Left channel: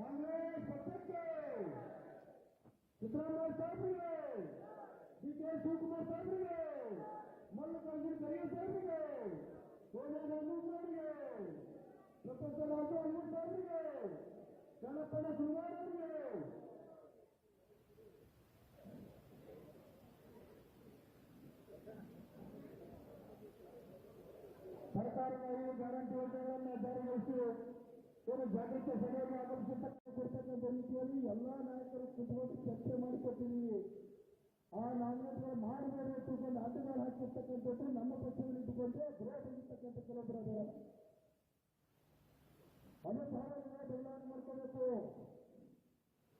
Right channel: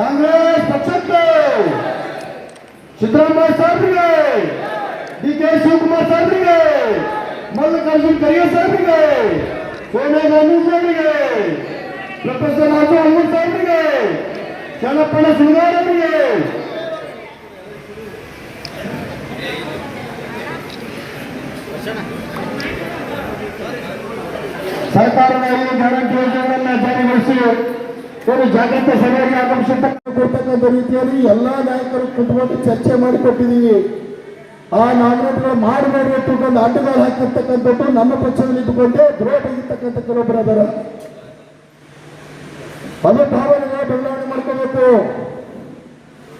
ಕಾಂಗ್ರೆಸ್ ಪಕ್ಷಕ್ಕೆ ಸಿದ್ದರಾಮಯ್ಯ ಸಾಹೇಬರಿಗೆ, ಡಿ.ಕೆ. ಶಿವಕುಮಾರ್ ಸಾಹೇಬರಿಗೆ, ಮಲ್ಲಿಕಾರ್ಜುನ್ ಖರ್ಗೆ ಸಾಹೇಬರಿಗೆ, ಸೋನಿಯಾ ಗಾಂಧಿ ಅವರಿಗೆ, ಪ್ರೊಫೆಸರ್ ರಾಜು ಅಮೂಲ್ ಸಾಹೇಬರಿಗೆ, ಚನ್ನಪ್ಪಣ್ಣ ಸುಳ್ಗಾರ್ ಅವರಿಗೆ, ಸರ್ಕಾರದ 5 ಗ್ಯಾರಂಟಿ ಯೋಜನೆಗಳನ್ನು ಜಾರಿಗೊಳಿಸಿ ಒಂದು ಜಾಗೃತ ಸಭೆಗೆ ಆಗಮಿಸತಕ್ಕಂಥ ರೀತಿಯಲ್ಲಿ ಎಲ್ಲಾ ನಾಯಕರು ಕುತ್ಕೊಂಡು ಚರ್ಚೆ ಮಾಡಿಕೊಟ್ಟಿದ್ದೀವಿ. ಆ ನಾಮಿನೇಟ್ಗಳು ಮಾಡಬೇಡಿ ಅಂತಕೊಂಡು ಅಡ್ಡಗಾಲು ಹಾಕಿರ್ತಕ್ಕಂಥದ್ದು ನಮ್ಮ ಪಕ್ಷದಲ್ಲಿ ಇಟ್ಟುಕೊಂಡೇ ದ್ರೋಹ ತೆಗಿತಕ್ಕಂಥ ಕೆಲವೊಬ್ಬರು ಅದರ ಅದು ಭಾವನೆಗಳ ಬದಲಾವಣೆ ಮಾಡ್ಕೋಬೇಕು.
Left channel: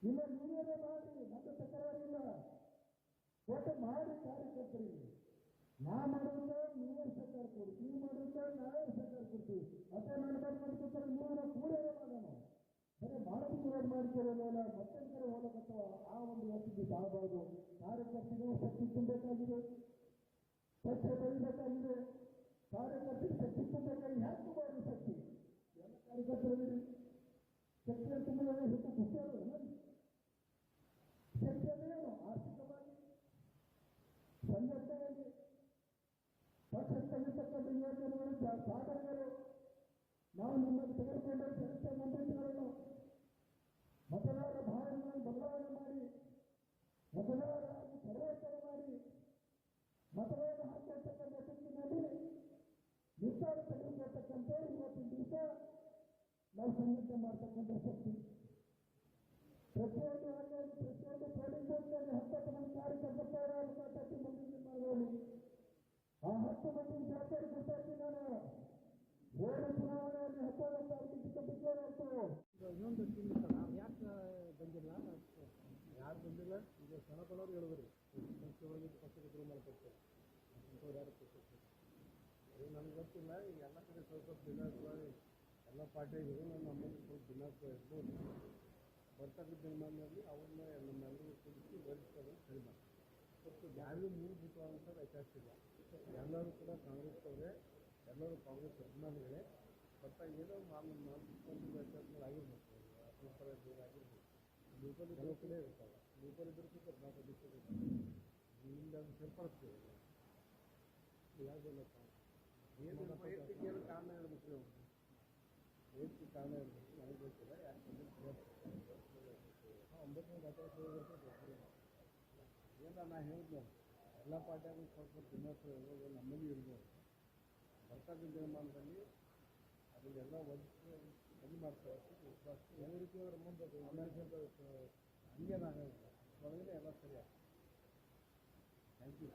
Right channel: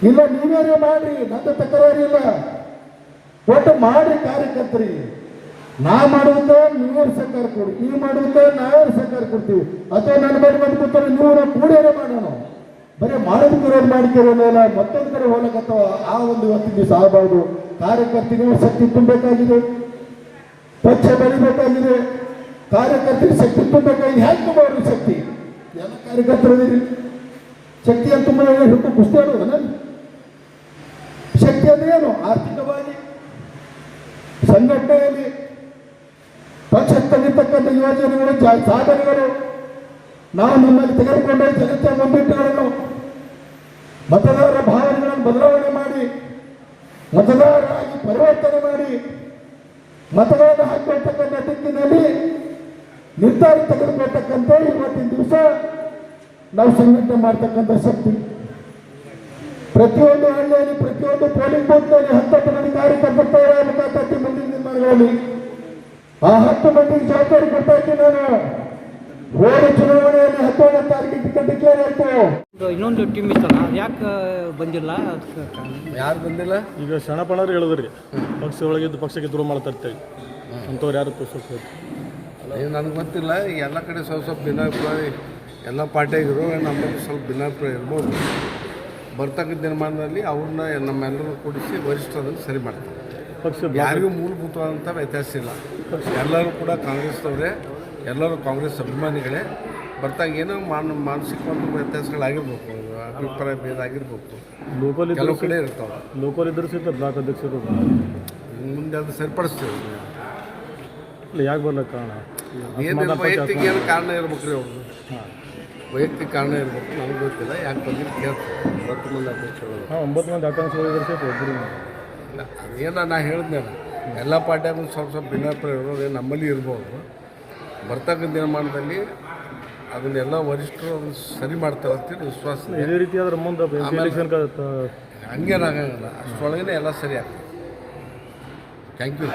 ಇಲ್ಲ ನೀವೇನೇ ಮಾಡ್ರಿ, ನನ್ನ ತಕರಾರಿಲ್ಲ, ಒಟ್ಟು ಮಾಡಿ ಕಾರ್ಯಕರ್ತರಿಗೆ. ನಾ ಮಾಡುವುದ ನೀವೇ ಸರ್ಕಾರ ಕೊಡಿ, ನೀವು ಮಾಡುವುದ ನಾವೇ ಸರ್ಕಾರ ಕೊಡ್ತೀವಿ, ಅಥವಾ ನನ್ನ ಮೇಲೆ ಬಂದ್ಕೊತಾರೆ ನೀವು ನಾವು ಕೂಡೇನೆ ಮಾಡೋಣ. ಬರೀ ಮಾಡೋದಕ್ಕೆ ವಿರೋಧ ಮಾಡ್ತಿರೋಲ್ಲ, ಮತ್ತೊಂದು ಕಡೆ ಹೋಗಕತ್ತವ. ಆ ಒಂದು ಇವತ್ತಿನ ದಿವಸ ಆಗಬಾರ್ದು. ಕಾರ್ಯಕರ್ತರಿಗೆ ಶಕ್ತಿ ತುಂಬಬೇಕಾಗಿದೆ, ಪಕ್ಷ ಬೆಳಿಬೇಕಾಗಿದೆ, ಕಾರ್ಯಕರ್ತರಿಗೆ ಶಕ್ತಿ ತುಂಬಬೇಕಾಗಿದೆ. ಹೇಗೆ ತುಂಬಾರು ಶಕ್ತಿ? ಎಲ್ಲ ಕಾರ್ಯಕರ್ತರಿದ್ದೀರಿ, ಶಕ್ತಿ ಅಂತ ತುಂಬ ಹುಟ್ಟು ಕುಸ್ತಿ ಆಡೋದು. ನಾನು ಶಕ್ತಿ ಅಂದ್ರೆ ಏನು? ಆರ್ಥಿಕವಾಗಿ, ಸಂಘಟನೆಯಲ್ಲಿ ಪಕ್ಷ ತಂದಿರ್ತಕ್ಕಂಥ ಯೋಜನೆಗಳು, ಸಾಧನೆಗಳು, ನಾವು ನಮ್ಮಲ್ಲಿ ತೆಗೆದುಕೊಂಡ ಜನತೆಯ ಮುಂದಿಟ್ಟುಗಳನ್ನು, ಮತದಾರರ ಭಾವನೆಗಳನ್ನು ಬದಲಾವಣೆ ಮಾಡಿ, ಮತದಾರರಾಗಿ ಪರಿವರ್ತನೆ ಮಾಡಿ, ಮತಗಳನ್ನು ಹಾಕಿಕೊಳ್ತಕ್ಕಂಥ ದಿಕ್ಕಿನಲ್ಲಿ ನಿರ್ಧಾರ ತೆಗೆದುಕೊಳ್ತಕ್ಕಂಥ ಇವತ್ತಿನ ದಿವಸ ನಾವು ಸಂಘಟನೆ ಮಾಡ್ತಕ್ಕಂಥ ಶಕ್ತಿ. ಪ್ರತಿಯೊಂದು ಹಳ್ಳಿಯಲ್ಲಿ, ಪ್ರತಿಯೊಂದು ಪೋಲಿಂಗ್ ಬೂತ್ನಲ್ಲಿ 10 ಮಂದಿ ಕಾರ್ಯಕರ್ತರು ಮುಂದಿನ ದಿನಗಳಲ್ಲಿ ಆ 10 ಮಂದಿಗೆ ಜವಾಬ್ದಾರಿ ಕೊಡ್ತಾ ಇದ್ದೀನಿ ನಾನು. ಹೋದ ಚುನಾವಣೆಯಲ್ಲಿ 11ನೇ ತಾರೀಕಿಗೆ ಡಿಕ್ಲೇರ್ ಆಯಿತು. ಇನ್ನೊಂದು ಟೀಮ್ ಇತ್ತಲ್ಲ, ಯಾಕೆ ಬಂದಿಲ್ಲ? ಯಾರು ಬಂದಿಲ್ಲ? ಈಗ ಶರಣಪ್ಪನವ್ರು ಹೇಳಿದ್ರಿ ಪಕ್ಷ ಒಳಗಿದ್ದು ಪಕ್ಷಕ್ಕೆ ದೂರ ಮಾಡ್ತಾ ಇರ್ತೇವೆ ಅಂಥವ್ರು ಯಾರು ಈಗ ನನಗೆ ಗೊತ್ತಿಲ್ಲ. ಈಗ ಎಲ್ಲ ಕಡೆ ಸ್ವಲ್ಪ ಭಿನ್ನಾಭಿಪ್ರಾಯ, ಎಲ್ಲ ಪಾರ್ಟಿಯಾಗಿರು ನಮ್ಮಲ್ಲಿ ಸ್ವಲ್ಪ ಭಿನ್ನಾಭಿಪ್ರಾಯ ಇರ್ಬೋದು. ಬರ್ತಕ್ಕಂಥ ದಿನಮಾನದಲ್ಲಿ ಅವ್ರನ್ನ ನಮ್ಮೆಲ್ಲರೂ ಕೂಡಿಸಿ ವರಿಷ್ಠರನ್ನು ಸರಿ ಮಾಡ್ತಾರೆ. ಪಕ್ಷ ಯಾರಿಗೂ ಮೂಲಭೂತವಾದಂಥ ವ್ಯತ್ಯಾಸ ಇಲ್ಲ. ಎಲ್ಲರೂ ಕೂಡ ಕಾಂಗ್ರೆಸ್ನವರೇ, ಎಲ್ಲರೂ ಕಾಂಗ್ರೆಸ್ ಅಭಿಮಾನಿಗಳೇ. ಬರ್ತಾಗ ಏನೋ ಮಾನಸಿಕ ಒಂದು ವ್ಯತ್ಯಾಸಗಳಾಗಿರ್ಬೇಕು, ಅಭಿಪ್ರಾಯ ಭೇದ ಆಗಿರ್ಬೇಕು, ಲೋಕಲ್ ಕೆಲವು ಕಡೆ ಇರ್ತಾವೆ. ಲೋಕಲ್ ಇದ್ರೂ ಸಹಿತ ಬ್ಲಾಕ್ ಅಧ್ಯಕ್ಷರು ಮುಂದೆ ಅದು ಸರಿಪಡಿಸ್ತೀವಿ. ಇಲ್ಲ, ಯಾಕೆ ಬರ್ಲಿಕ್ಕೆ ಕಾರಣ ಏನು ವೈಯಕ್ತಿಕ ಏನು ಕಾರಣ ಇರ್ಬೇಕು ರೀ ಅವ್ರದ್ದು? ವೈಯಕ್ತಿಕ ಕಾರಣ ಇರ್ಬೇಕು, ನನಗೆ ಗೊತ್ತಿಲ್ಲ. ಯಾಕೆ ಬಂದಿದ್ದು ಕೇಳ್ತೀವಿ. 9 ಮಂದಿ ಅಧ್ಯಕ್ಷರು, 9 ಮಂದಿ ಆಕಾಂಕ್ಷಿಗಳು ಸಹಿತ ಒಬ್ಬರು ಇಲ್ಲ ಅದೇನು ನಾ ಹೇಳಿದ್ನಲ್ಲ, ಎಲ್ಲ ಪಾರ್ಟಿಯಾಗೂ ಸ್ವಲ್ಪ ಭಿನ್ನಾಭಿಪ್ರಾಯ ಇರೋದು ನಮ್ಮಲ್ಲಿ ಇರ್ಬೋದು. ಬರ್ತಕ್ಕಂಥ ದಿನಮಾನದಲ್ಲಿ ಅದನ್ನೆಲ್ಲ ವರಿಷ್ಠರು ಸರಿ ಮಾಡ್ತಾರೆ ಅಂತೇಳಿ ವಿಶ್ವಾಸ. ಇದೇ ರೀತಿ ಆದ್ರೆ ಮುಂದೆ ಹಂಗೇನಾಗಂಗಿಲ್ಲ, ಅಷ್ಟರೊಳಗೇ ಎಲ್ಲ ಸರಿ ಆಗ್ತದೆ. Thank you.